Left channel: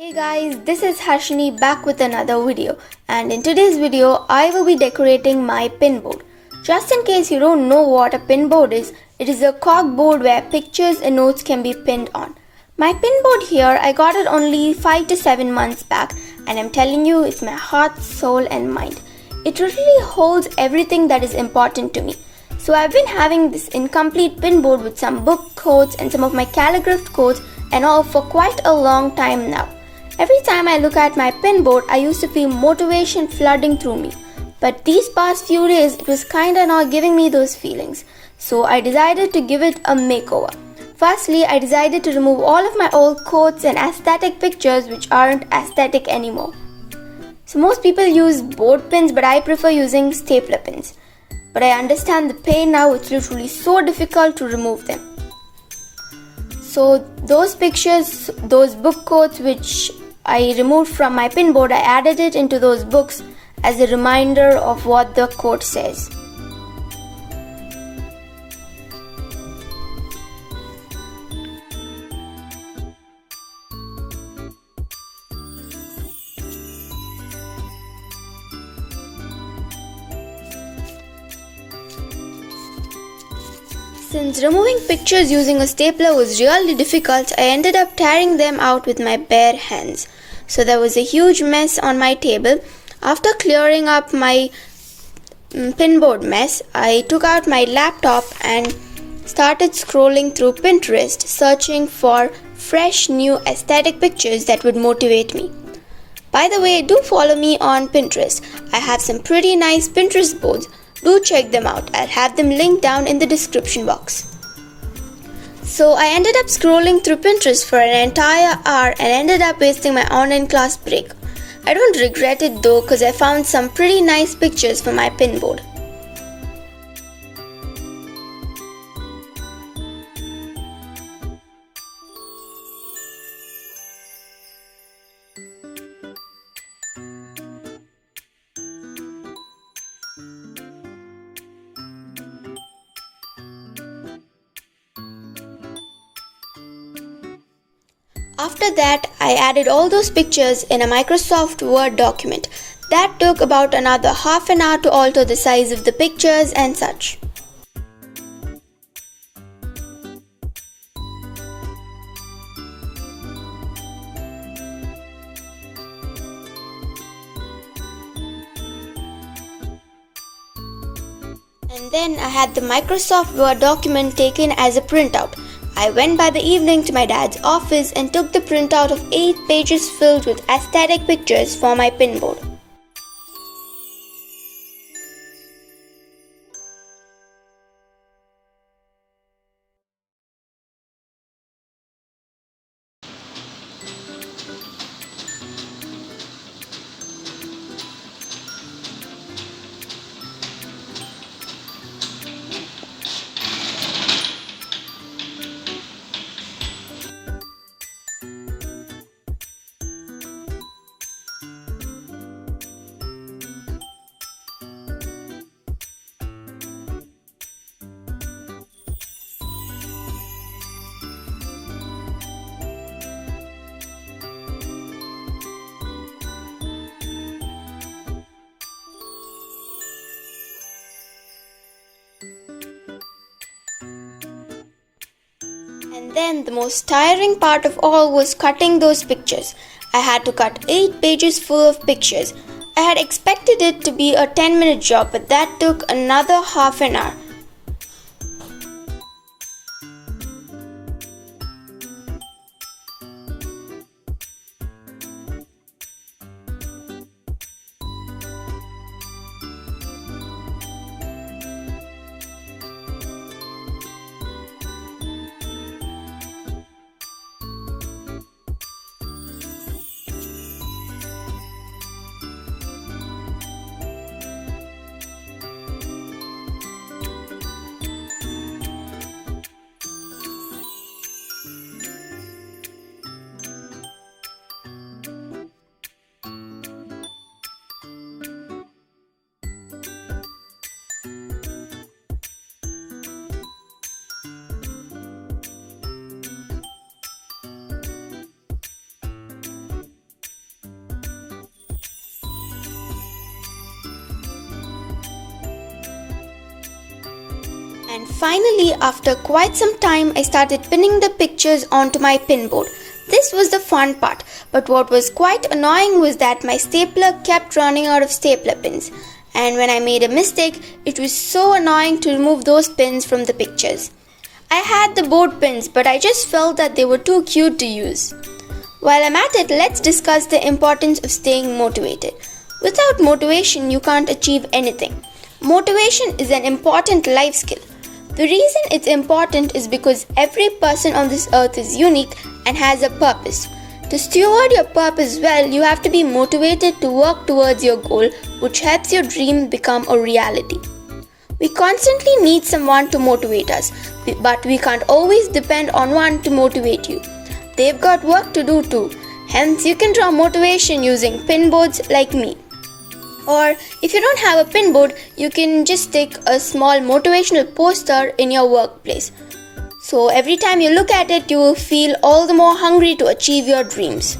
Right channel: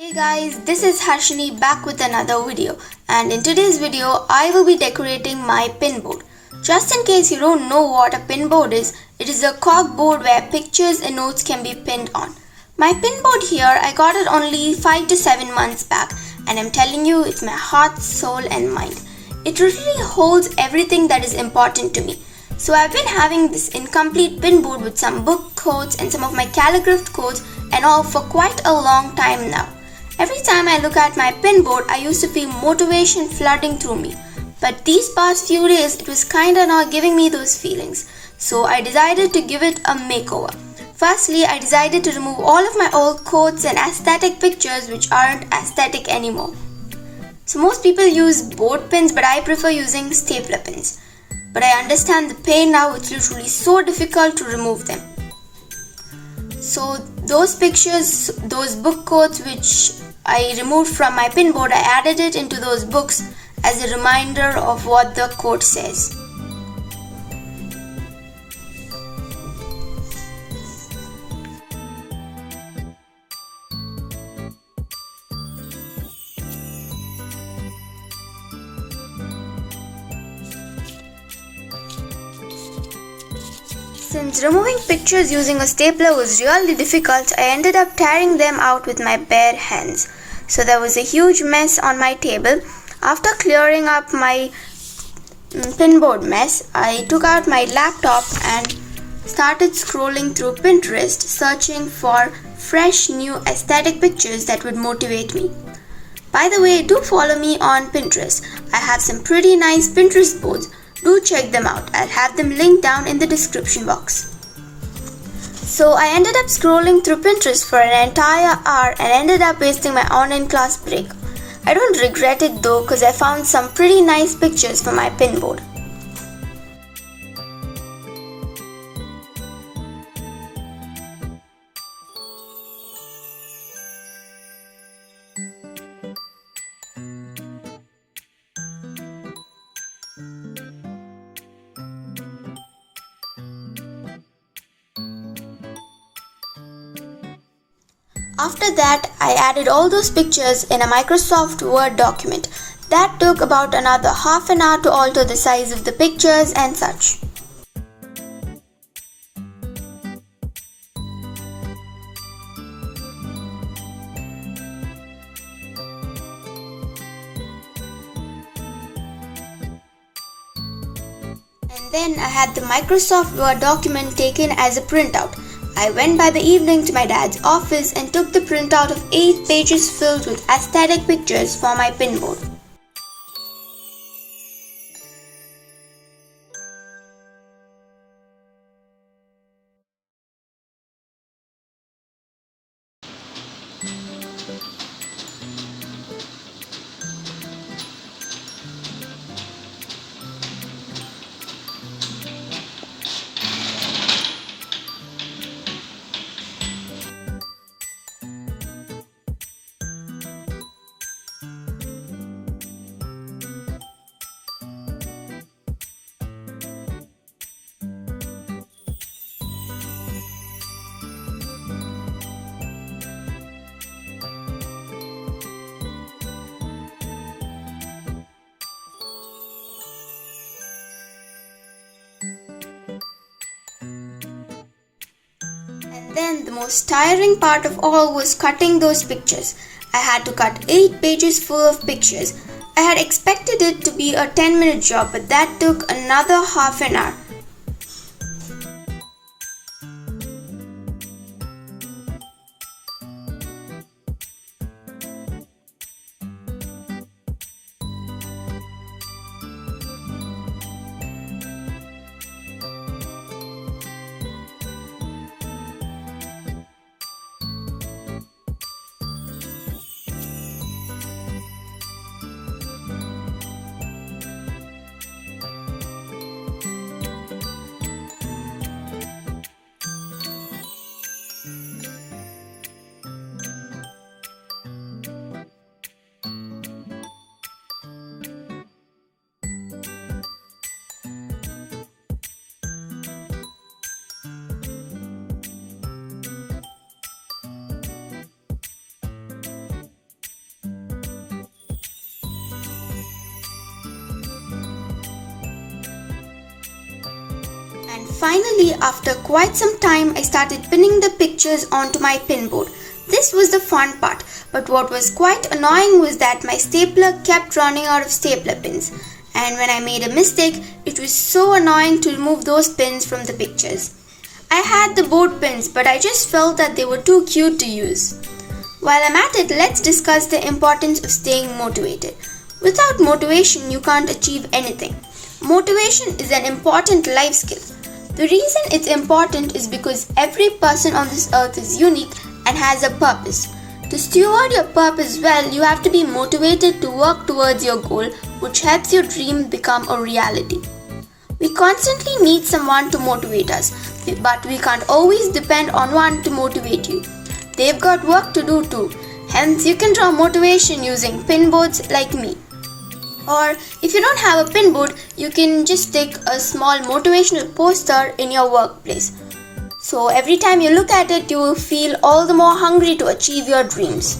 Hey guys, this is Harshini back with another video, and in today's video I will be decorating my pinboard. Just in case you don't know what a pinboard is, it is a corkboard where pictures and notes can be pinned on. My pinboard here, I got it only 5 to 7 months back, and I'm telling you it's my heart, soul and mind. It really holds everything that is important to me. So I've been having this incomplete pinboard with some book quotes and some of my calligraphed quotes and all for quite a long time now. Every time I look at my pinboard, I used to feel motivation flooding through me. But these past few days, it was kinda not giving me those feelings. So I decided to give it a makeover. Firstly, I decided to remove all of my old quotes and aesthetic pictures which aren't aesthetic anymore. So most people use board pins, but I prefer using stapler pins. But I understand the pain now, it's literally so difficult to remove them. So those pictures, those book quotes which I removed from my pinboard, I added it into those books as a reminder of what the quote says. Since removing pictures using a stapler was really difficult, I ended up tearing them out with my bare hands. So there was a huge mess on my table. After clearing up my pinboard mess, I took out my laptop and started scrolling through Pinterest, searching for fresh new aesthetic pictures that would motivate me. By the way, do follow me on Pinterest. I have some pretty nice Pinterest boards. Do check them out. I'll have them linked down in the description box. So I ended up scrolling through Pinterest for an entire hour and ended up wasting my online class break. I don't regret it though, because I found some pretty nice pictures for my pinboard. After that, I added all those pictures in a Microsoft Word document. That took about another half an hour to alter the size of the pictures and such. And then I had the Microsoft Word document taken as a printout. I went by the evening to my dad's office and took the printout of 8 pages filled with aesthetic pictures for my pinboard. And then the most tiring part of all was cutting those pictures. I had to cut 8 pages full of pictures. I had expected it to be a 10-minute job, but that took another half an hour. And finally, after quite some time, I started pinning the pictures onto my pinboard. This was the fun part, but what was quite annoying was that my stapler kept running out of stapler pins. And when I made a mistake, it was so annoying to remove those pins from the pictures. I had the board pins, but I just felt that they were too cute to use. While I'm at it, let's discuss the importance of staying motivated. Without motivation, you can't achieve anything. Motivation is an important life skill. The reason it's important is because every person on this earth is unique and has a purpose. To steward your purpose well, you have to be motivated to work towards your goal, which helps your dream become a reality. We constantly need someone to motivate us, but we can't always depend on one to motivate you. They've got work to do too. Hence, you can draw motivation using pinboards like me. Or if you don't have a pinboard, you can just take a small motivational poster in your workplace. So every time you look at it, you will feel all the more hungry to achieve your dreams.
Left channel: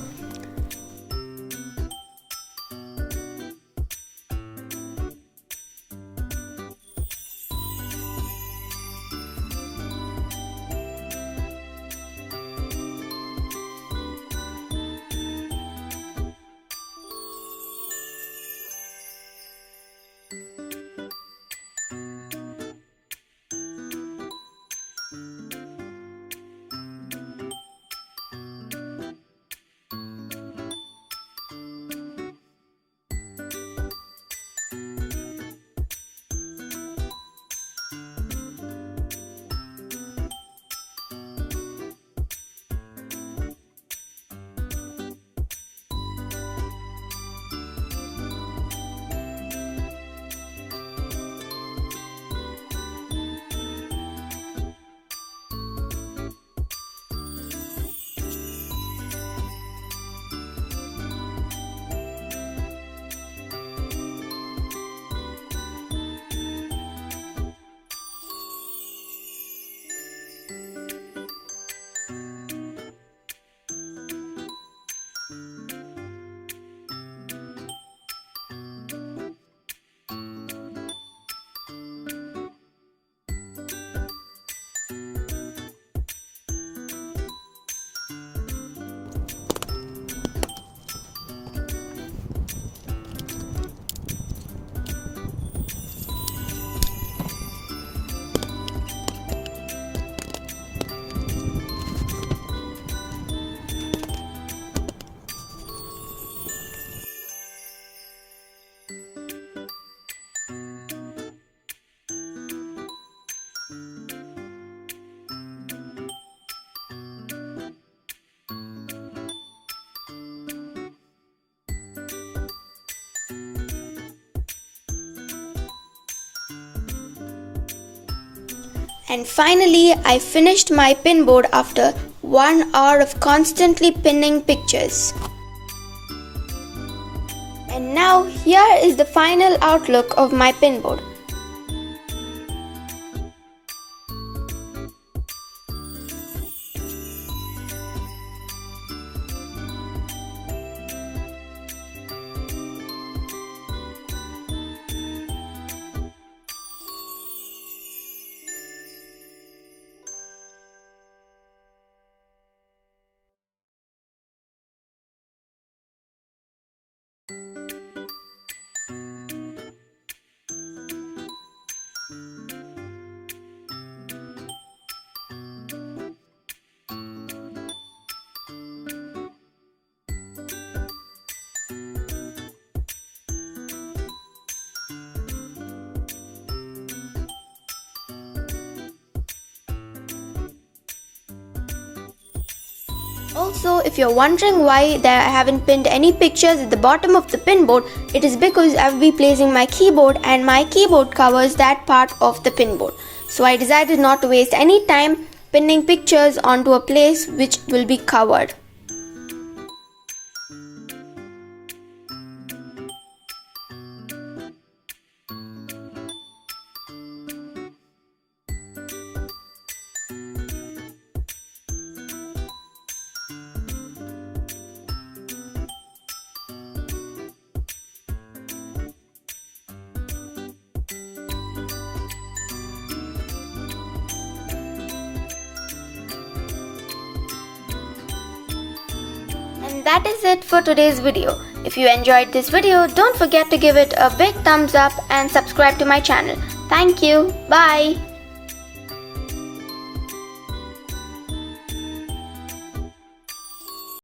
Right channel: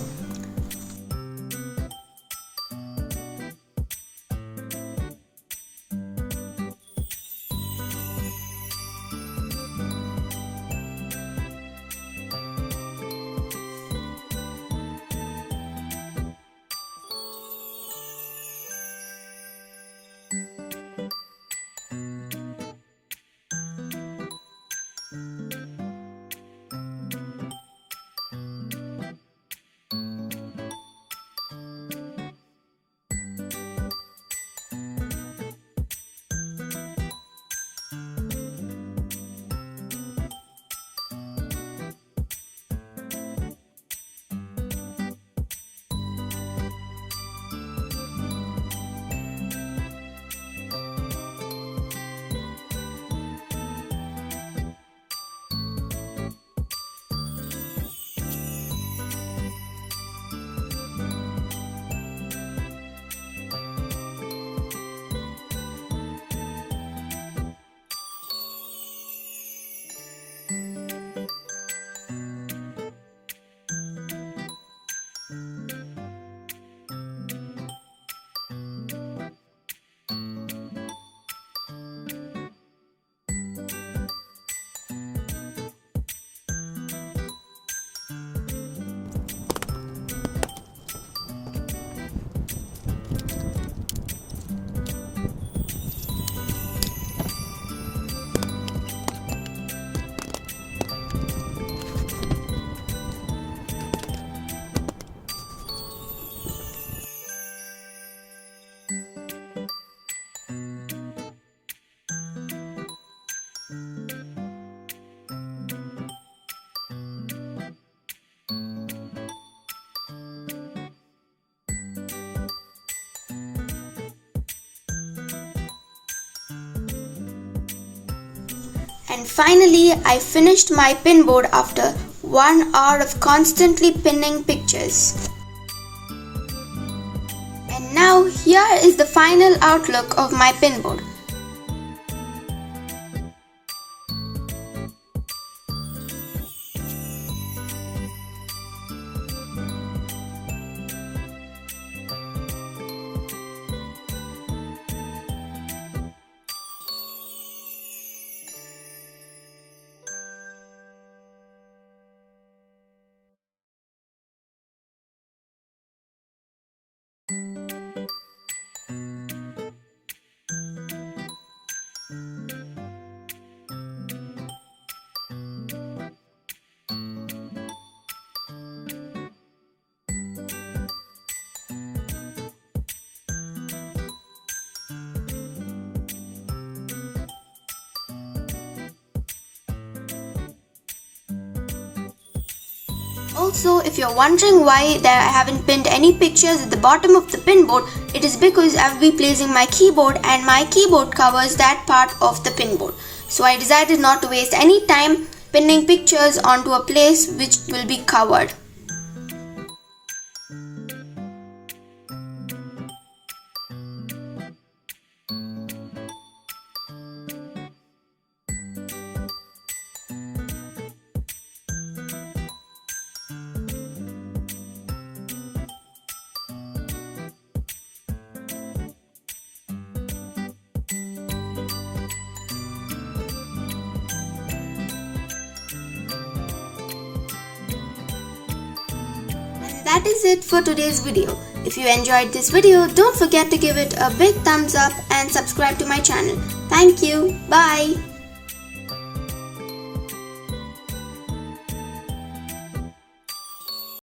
And finally, I finished my pinboard after 1 hour of constantly pinning pictures. And now here is the final outlook of my pinboard. Also, if you're wondering why I haven't pinned any pictures at the bottom of the pinboard, it is because I'll be placing my keyboard and my keyboard covers that part of the pinboard. So I decided not to waste any time pinning pictures onto a place which will be covered. And that is it for today's video. If you enjoyed this video, don't forget to give it a big thumbs up and subscribe to my channel. Thank you. Bye.